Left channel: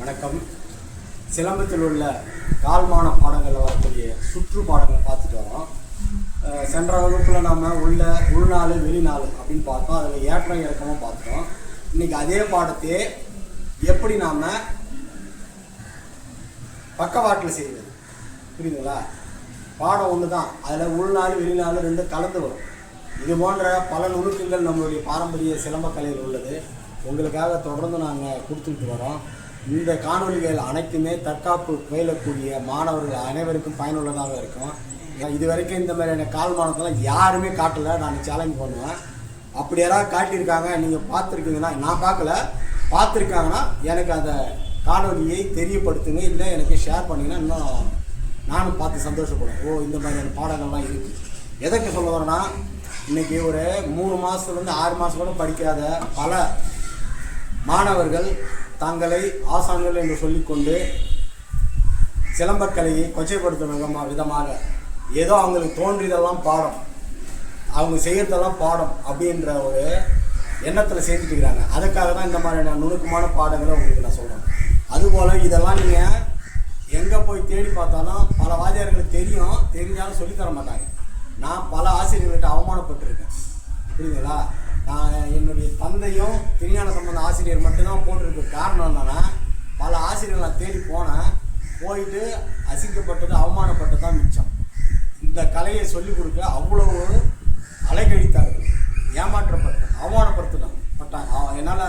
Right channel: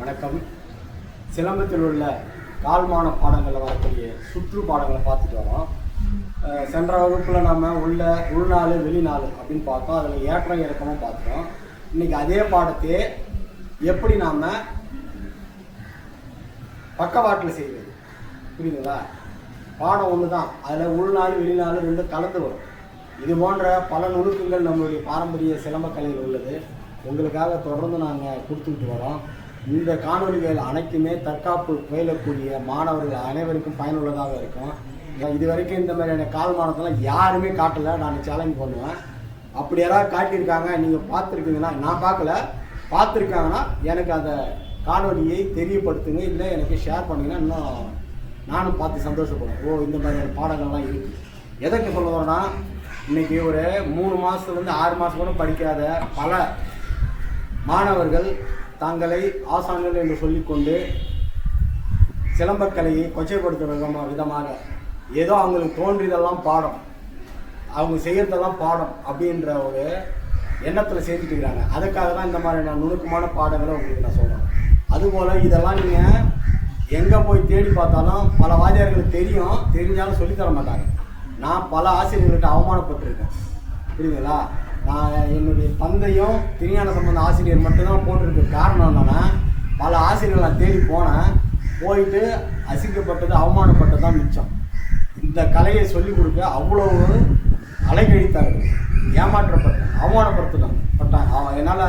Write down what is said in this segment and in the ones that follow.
வணக்கம். சிலம்பத்தில் உள்ள கால்மான பாடங்களில் வரக்கூடிய சுற்று பாடங்களை பார்த்துட்டு வரோம். சென்ற வகுப்பில் நாம் உள்நாள் வெளிநாள் அப்படின்னு பார்த்தோம். அதில் ஏற்றம் இறக்கமும் பார்த்துட்டோம். இன்றைக்கி அதே பாடத்தையே எப்படி நாம் பக்கவாட்டில் செய்வது, புரியுதுங்களா? பாடம் ஒன்று தான், அதில் உள்நாள் வெளிநாள் ரெண்டு கலந்து வரும். இது போன்ற பல நுணுக்கங்கள் நம்மளுடைய பாரம்பரிய சிலம்பக்கலையில் உள்ளது. உங்களுக்காக தொடர்ந்து நாங்கள் கொடுத்துக்கிட்டு வரோம். இந்த காணொலிகள் அனைத்துமே தற்காப்பு பயிலக்கூடிய மாணவர்கள் அனைவருக்கும் பயனுள்ளதாக இருக்கும். இது வரைக்கும் இந்த மாதிரியான கால்மானத்தெல்லாம் யாருமே காட்டலை. நான் சேலஞ்ச் பண்ணுவேன். அப்படி யாராவது காட்டியிருக்காங்க, நீங்கள் பார்த்துருக்கீங்கன்னா, நான் பார்க்கல, பார்த்துருக்காங்கன்னா எனக்கு அந்த காணொலியை தெரியப்படுத்துங்க, இல்லை எனக்கு ஷேர் பண்ணிங்கன்னா இன்னும் நானும் பார்த்து சந்தோஷப்படுவேன். இந்த மாதிரியான பாடங்கள்லாம் இருக்குது. எதற்கு சொல்ல வரேன்னா, இன்றைக்கி ஒரு 3 மாதத்துலேருந்து 6 மாதம் கூட படிக்காத பல மாணவர்கள் தங்களை ஆசான்கள் என்று சொல்லிக்கொண்டு சிலம்பக்கலையை கொச்சைப்படுத்தும் விதமாக ஏதோ அவங்களுக்கு தோன்றியதெல்லாம் பாடம், அவங்க செய்கிறதெல்லாம் பாடம் அப்படின்ற ஒரு எண்ணத்தில் செஞ்சுட்டு இருக்கிறாங்க. அதுக்காக தான் இந்த மாதிரியான நுணுக்கமான பாடங்களை உங்களுக்கு நான் சொல்கிறேன். அதுபோல் இதெல்லாம் நீங்கள் எங்கே போய் தேடி பார்த்தாலும் பல வாத்தியார்களுக்கு தெரிஞ்சாலும் சொல்லித்தர மாட்டாங்க. நான் பல ஆசிரியர்கள்ட்ட அவமானப்பட்டிருக்கேன், புரியுதுங்களா? நான் என்னுடைய தந்தையும் திருஞான சம்பந்த ஆசிரியர் மட்டும்தான் போட்டிருக்க. காரணம் என்னன்னா, பல ஆசிரியர்கள் நான் தேடி போயிட்டு அசிங்கப்பட்டது அவமானப்பட்டது தான் மிச்சம். இந்த கலையை சொல்லிக் கொடுக்க அவ்வளவு அலைக்கழித்தார்கள், ஏமாற்றப்பட்டேன், அவமானப்படுத்தினாங்க. என்னால்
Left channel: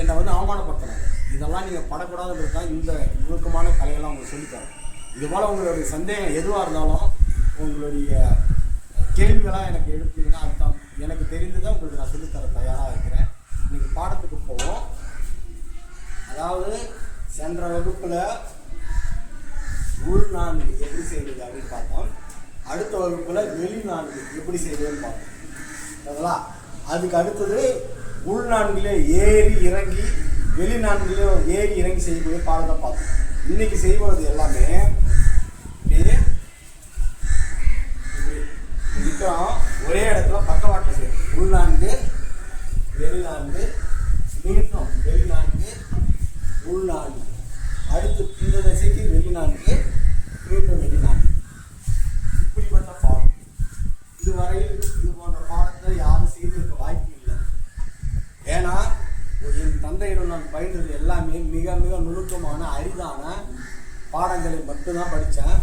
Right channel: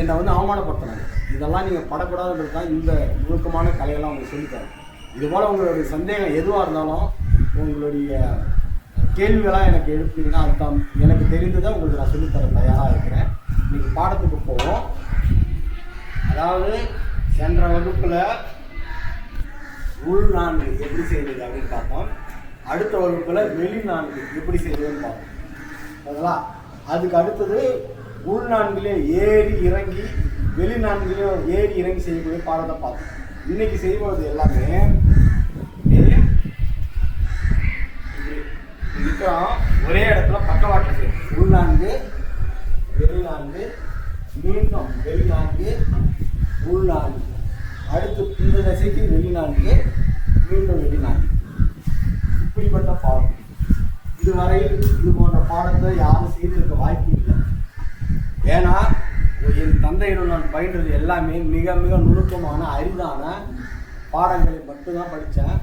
என்னை அவமானப்படுத்தினாங்க. இதெல்லாம் நீங்கள் படக்கூடாதுன்றது தான் இந்த நுணுக்கமான கலையெல்லாம் உங்களுக்கு சொல்லித்தரேன். இதுபோல் உங்களுடைய சந்தேகம் எதுவாக இருந்தாலும் உங்களுடைய கேள்விகளாக எனக்கு எழுப்பீங்கன்னா அதுதான் எனக்கு தெரிந்ததை உங்களுக்கு நான் சொல்லித்தர தயாராக இருக்கிறேன். இன்றைக்கி பாடத்துக்கு போவோம். அதாவது சென்ற வகுப்பில் உள் நான்கு எப்படி செய்வது அப்படின்னு பார்த்தோம். அடுத்த வகுப்பில் வெளி நான்கு எப்படி செய்வதுன்னு பார்த்தோம். அதா அதுக்கு அடுத்தது உள் நான்கிலே ஏறி இறங்கி வெளி நான்கிலையும் ஏறி இறங்கி செய்யக்கூடிய பாடத்தை பார்த்தோம். இன்றைக்கி செய்வது எல்லாமே ஒரே இடத்துல பக்கவாட்டில் செய்யும். உள்நான்கு வெளிநான்கு, மீண்டும் வெளிநான்கு உள்நான்கு, அடுத்து இந்த திசைக்கு வெளிநான்கு, மீண்டும் வெளிநான்கு. இப்படிப்பட்ட பாடம் இதுவரையில் இது போன்ற பாடத்தை யாரும் செய்திருக்க வாய்ப்பு இல்லை. ஏன்னா என் தந்தையிடம் நான் பயின்றது எல்லாமே மிக மிக நுணுக்கமான அரிதான பாடங்களை மட்டும்தான் படித்தேன்.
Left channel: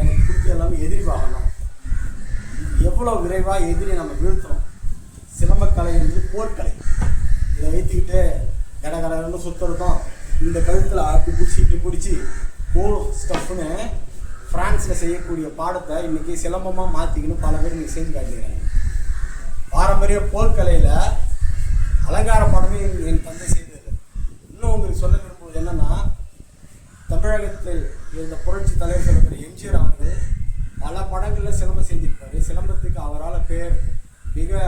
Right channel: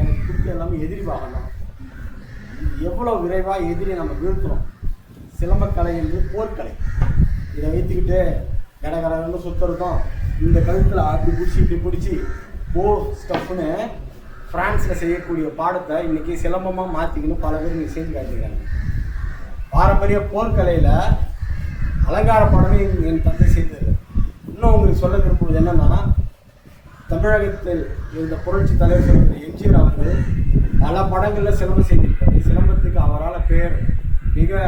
எனக்கு பிடிச்ச எல்லாமே எதிரி வாகனம். எவ்வளோ விரைவாக எதிரி நம்ம வீழ்த்துறோம். சிலம்பக்கலை என்று போர்க்கலை. இதை வைத்துக்கிட்டு கடகடன்னு சுற்றுறதும், இந்த கழுத்தில் அப்படி பிடிச்சி இப்படி பிடிச்சி ஸ்டஃப்னு ஃப்ரான்ஸில் செய்யக்கூடிய பாடத்தை இன்றைக்கி சிலம்பமாக மாற்றிக்கின்னு பல பேர் இன்றைக்கி செஞ்சு காட்டிக்கிறாங்க. பாரம்பரிய போர்க்கலையில் அலங்கார பாடமே என் தந்தை செய்தது. இன்னும் உங்களுக்கு சொல்ல விரும்புவது என்னென்னா, தமிழகத்தில் இருந்த புரட்சி தலைவர் சொல்கிற எம்ஜிஆர் அவர்கள் பல படங்களில் சிலம்பம் செஞ்சிருக்காரு. சிலம்பத்துக்கு அவரால் பேர் மிக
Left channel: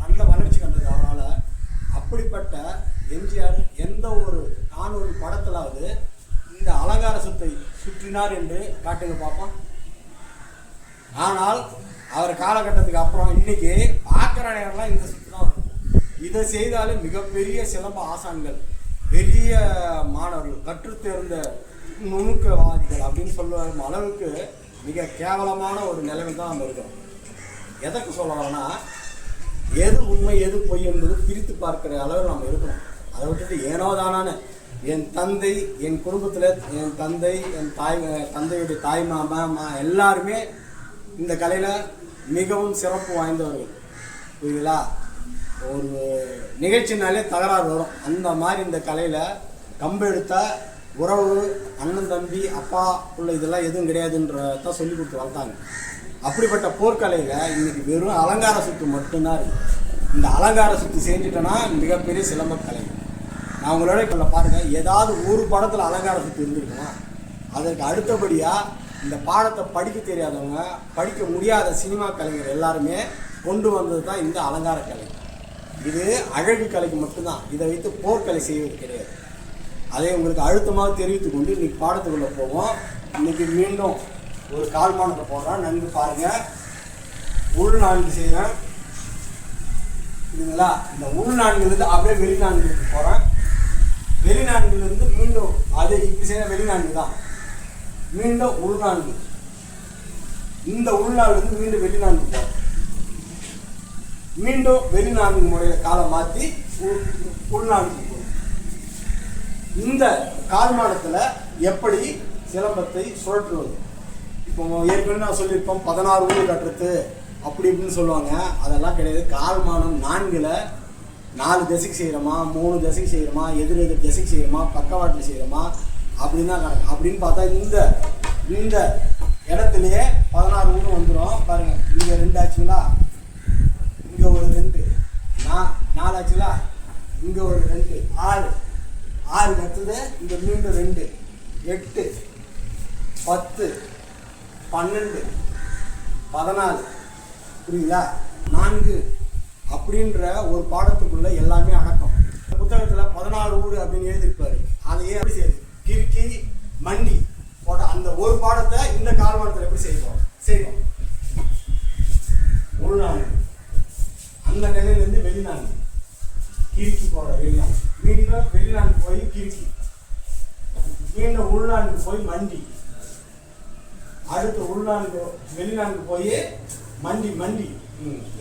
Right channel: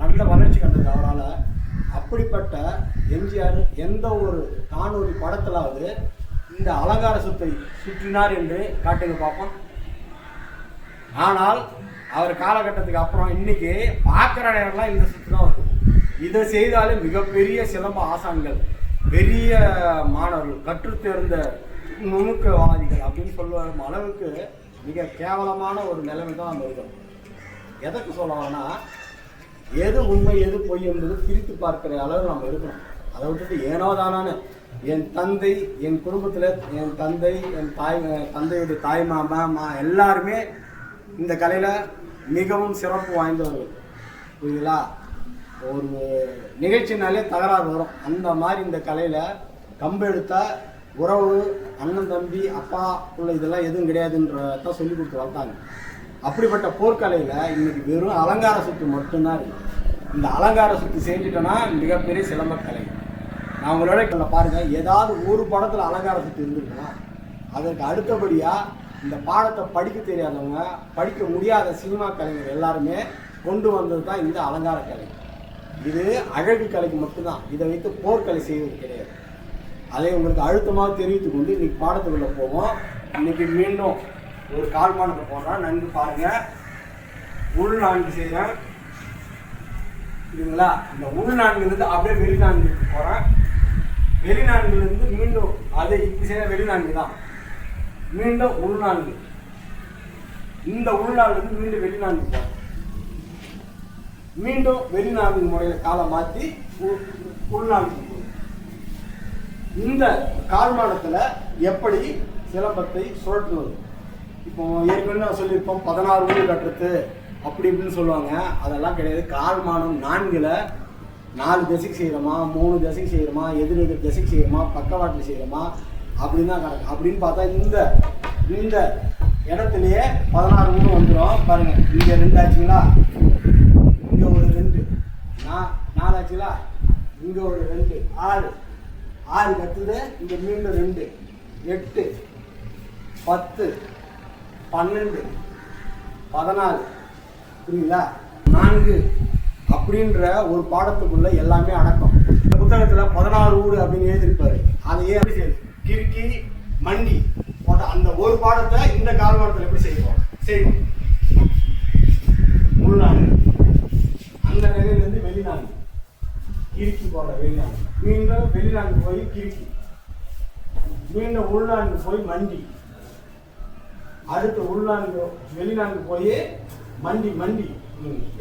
நல்ல வளர்ச்சி கண்டது அவரால். அப்படிப்பட்ட எம்ஜிஆர் எந்த ஒரு காணொலி படத்திலாவது இந்த அலங்கார சுத்தை சுற்றினார் என்று காட்டுங்க பார்ப்போம். ஆனால் அவர் காலகட்டத்துக்கு அப்புறம் இன்னைக்கு பார்க்குற நேரம்லாம் இந்த சுற்று தான் வருது. இதை செய்தாலே மிகப்பெரிய சிலம்ப ஆசான்கள், பெரிய மாணவர்கள், கற்றுத்தேர்ந்த நுணுக்கவாதிகள் அப்படின்னு சொல்லும் அளவுக்கு மிக கேவலமான ஒரு நிலைமை தான் நம்ம இருக்கிறோம். எதற்கு சொல்ல வரேன்னா, எது உண்மை எது பொய் என்பது பிரித்து பார்க்குற அளவில் நம்ம இருக்கிறோம். அதை விட்டுட்டு ஏனோ தானான்னு என் தந்தை, என் குடும்பத்தில் என் தந்தை, என் தந்தையுடைய தாய் மாமா எல்லாருமே இந்த கலையில் மிகவும் சிறப்பு வாய்ந்தவர்கள், புரியுங்களா? ஒரு நிகழ்ச்சினாலே தகராறு வரும். அந்த மாதிரி இந்த கலையில் கம்பு எடுத்தால் உறவு, அண்ணன் தம்பி, அப்பா உள்ள இதெல்லாம் எதுவும் கிடையாதுன்றதான் சொல்லி கொடுத்து வளர்த்தாங்க. அப்படிப்பட்ட போர்க்கலையில் இன்றைக்கி வெறும் அலங்கார சுத்து மட்டும்தான் இருக்குது. இந்த அலங்கார சுத்து செஞ்சுட்டோன்னா மிகப்பெரிய சிலம்பக்கலை. நான் உங்களோட பாருங்கள், ஏதாவது ஒரு படத்தில் அலங்கார சுத்து இருந்திருக்குன்னா அதற்கு அடுத்தபடியாக இந்த பாடத்தை படிக்க தெரியாதவங்க, படிக்க முடியாத சினிமா கலைஞர் எல்லாருமே கொண்டு வந்தது தான் இந்த அலங்கார கலை. இது அழகு கலைக்கு மட்டும்தான். இதை வைத்து போர்க்கலை செய்வது கிடையாது. அதை உங்களுக்கு அழுத்தமாக தெரிவித்து கொண்டு இன்றைக்கி பாடத்துக்குள்ளே போவோம். இன்றைக்கி மீண்டும் ஒரு கால்மானத்தை போடுறேன், நன்கு பாருங்கள். உள் நான்கு செய்கிறேன், இதுங்களா? இந்த உள் நான்கு அப்படியே வெளிநான்கு போகிறேன். வெளிநாடுகளிலிருந்து மீண்டும் அதை இப்படி செய்ய வெளிநாடு தான், மீண்டும் உள்நான்கு, இந்த உள்நாடுலேருந்து மீண்டும் வெளிநாடு போகும், மீண்டும் வெளிநாடு முறையில காலை மாற்றி உள்நாடுக்கு போகும். இந்த கால்மானத்தில் எப்படி சிலம்பத்தை சுழற்றுவது? இப்போ ஏற்கனவே நான் சொல்லியிருப்போம் 16 ஊர் கட்டுறது அப்படி இப்படின்னு சொல்லுவாங்க. அதெல்லாம் கிடையாது. கால்மானம் 4ல் 4 தசைக்கு செய்கிறோமா, 3 தசைக்கு செய்கிறோமா, எதிர் தசைக்கு செய்கிறோமா, பக்கவாட்டில் செய்கிறோமா அப்படின்னு தான் கணக்கு. அப்படின்னு பார்த்தா இந்த இடத்துலையே 16 ஊர் வந்துடும். பாருங்கள், இங்கே 2 ஆச்சுங்களா, இங்கே ஒரு 2, 4 ஆச்சுங்களா, இங்கே ஒரு 2, 6 கற்றுது, இங்கே மீண்டும் 2, 8, 10, 12, 14, புரியுங்களா, 4 அப்படின்ற ஒரு பாடத்துக்குள்ள எல்லாமே அடக்கம். இந்த புத்தகத்தில் 16 ஊர் அப்படின்னு எழுதியிருப்பாரு. அதையே எப்படி செய்யுது, கிறுக்கி மண்டி போட்ட அந்த ஒரு பாடத்தை இந்த கால்மானத்தில் எப்படி செய்வோம் உள்நான்கு, அந்த நிலையிலிருந்து வெளிநான்கு கிறுக்கி போட வெளிநான்கு, மீண்டும் வெளிநான்கு போய் கிறுக்கி, மீண்டும் உள்நான்கு போய் மண்டி, அடுத்து உள்நான்கு வெளிநான்கு போய் மண்டி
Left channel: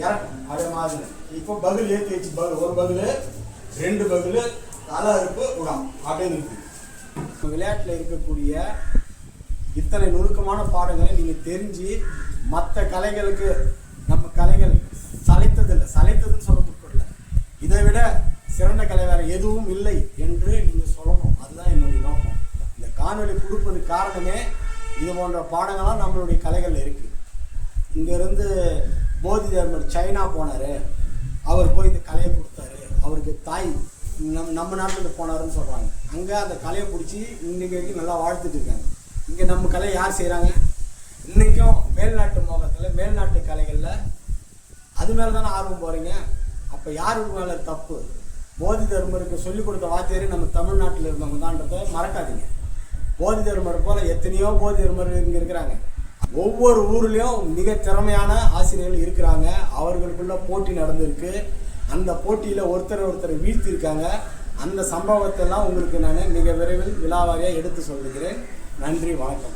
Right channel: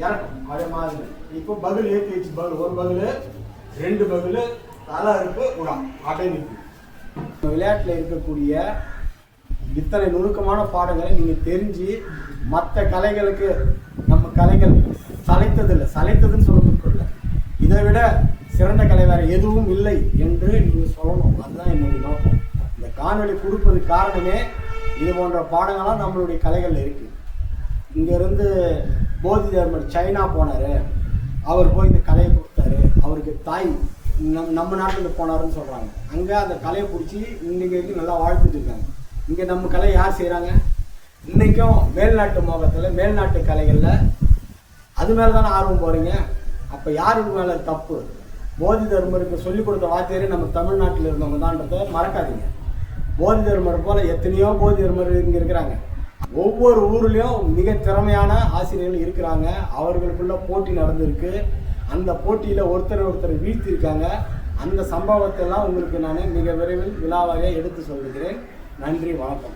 இறக்கும். அதே மாதிரி இப்போ பகுல் ஏற்றி வச்சு ஒரு பகுல் 2 பகுல் தலை இருப்பு உரம் அடைந்து. விளையாட்டில் இருக்கக்கூடிய இத்தனை நுணுக்கமான பாடங்களை நீங்கள் தெரிஞ்சு மற்ற கலைகளுக்கு நம்ம கலைகள் சளைத்ததுன்னு சொல்ல முடியல. இதை விட சிறந்த கலை வேறு எதுவும் இல்லை என்று நீங்கள் சொல்லணும். அதுதான் என்னுடைய நோக்கம். இந்த காணொலி கொடுப்பதுக்கு காரணமே இது போன்ற பாடங்கள்லாம் நம்மளுடைய கலைகளில் இருக்குது. இங்கேருந்து போதி தர்மர் சைனா போனார், அவர் போய் இந்த கலையை கொடுத்தாரு. அவருக்கு தாய் நம்ம நாட்டில் போனாருன்னு சொல்கிறாங்க. அங்கே அந்த கலையை பிடிச்சி இன்றைக்கு நல்லா வாழ்த்துட்டு இருக்காங்க. இங்கே நம்ம கலை யார் செய்கிறாங்க? இன்றைக்கும் மேல்நாட்டு மோகத்தில் மேல்நாட்டு கலைகளில் அது மேலே தானே ஆர்வம் போகிறீங்க. அப்போ யாருக்கு மேலே தப்பு? போதி தர்மருக்கு சொல்லிக் கொடுத்த வாத்தியாரே நம்ம தமிழ்நாட்டில் இருந்தவங்க தான்றதை மறக்காதீங்க. போதி தர்மர் போல் எத்தனையோ போதி தர்மர் இங்கே இருக்கிறாங்க. ஒவ்வொரு ஊர்லேயும் மிக திறமையான ஆசிரியர்கள் இருக்கிறாங்க. அவர்களுக்குள்ள போட்டி நடந்திருக்கு. அந்த போட்டியில் ஒருத்தர் வீழ்த்தியிருக்காங்க. அந்த சம்பவத்தெல்லாம் உங்களுக்கு நான் மிக விரைவில் விழாவாக எடுத்து சொல்லுகிறேன். நன்றி, வணக்கம்.